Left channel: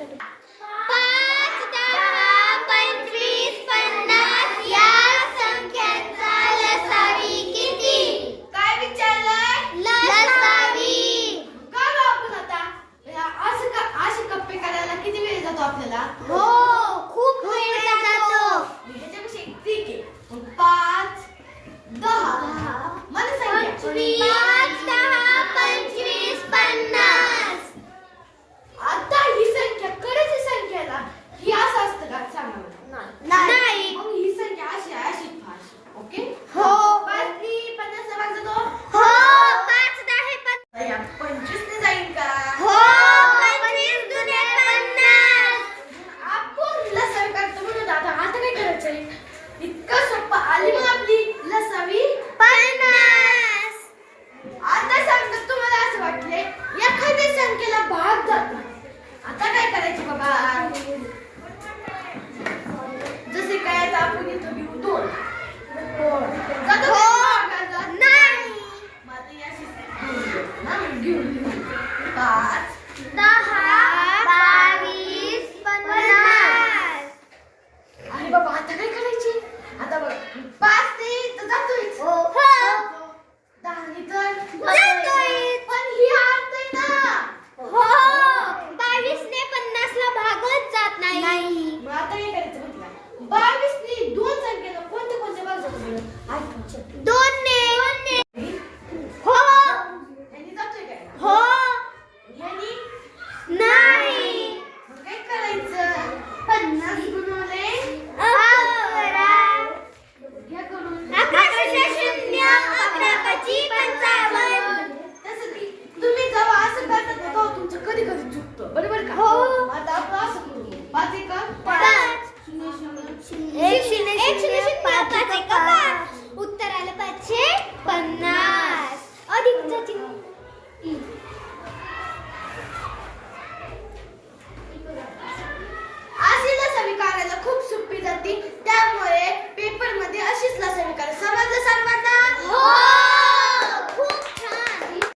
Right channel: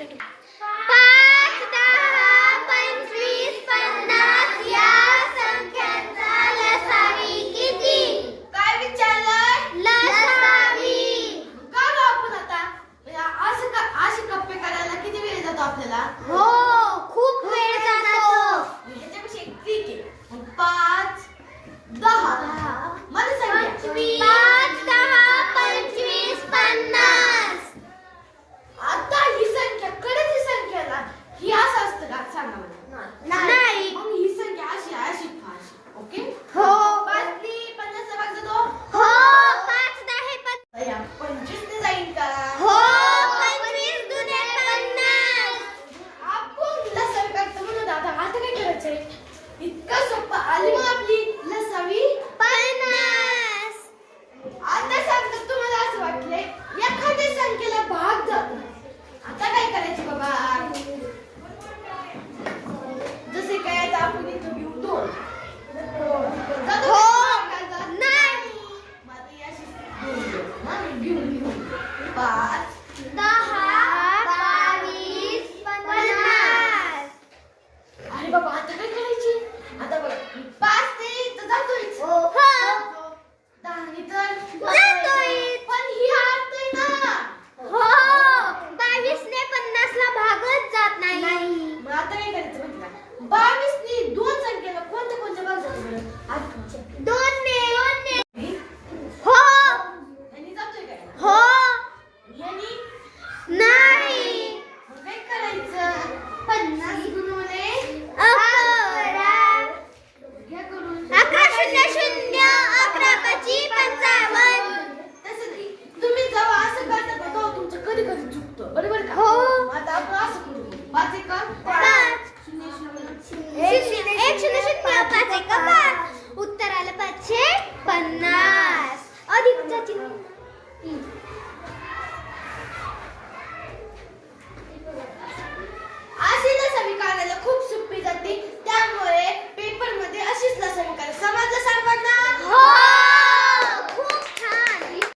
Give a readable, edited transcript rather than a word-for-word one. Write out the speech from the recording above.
5, 10, 25, 50 या संख्यांचा लसावी किती? काय विचारलं? लसावी. का गं आपण आता असे कप्पे करायला किती वेळ जातो आपल्याला? हो, खूप वेळ जातो. ह्याच्यापेक्षा एक ठीक आहे. मग 5, 10 मला सांगा. 5, 10, 25, 50. आता ही संख्या कडेची संख्याला ही असं असतं का सांगा मला. नाही. मग ही संख्या अशी आहे, अशी अशी. ओके. हो. 5 नी 50 ला भाग जातो. हो, 5, 10, 50. या 25 ने जाईल का? हो, 25 दुने 50. आपण लसावी काढतो म्हणून आता काय करायचंय? इतकं सोपं आली मग आपली लसावी 50. आता सांगतात तुम्हाला असं वाटलंय एखाद्या संख्येला भाग जात नाही. आता काय करायचं बाबा? जसे काय आता आपण इथं घेऊ 2 जातो हो. का भागाचा? नाही. मग आता ही अशी 2 घेऊ. हा, घेऊन 5 10, 22, 50. अरे बाबा आता काय करायची? आता बघ 5 ते तर जातोयच. हो. 10 ने तर जातोय. पण ही हरतय ना. हो, 22 ने 50 ला भागच जात नाही. मग आता काय करायचं माहिती का? 22 नी 2 संख्येला कोणते कोणते भाग जातो बरं? आठवच्या. 2 ने. हे? हो. यांनी जातोय काय? हो. यांनी? नाही. मग काय करायचं? 50 गुणिले 11. घ्या करून. 11 तसं नाही. तुम्ही जेव्हा असं करता ना तेव्हा तुमचं कधी कधी चुकतं. बरोबर का? हो. मग आता आपण असं करू. 5 1 5. 0 0 एक शून्य 5 1 5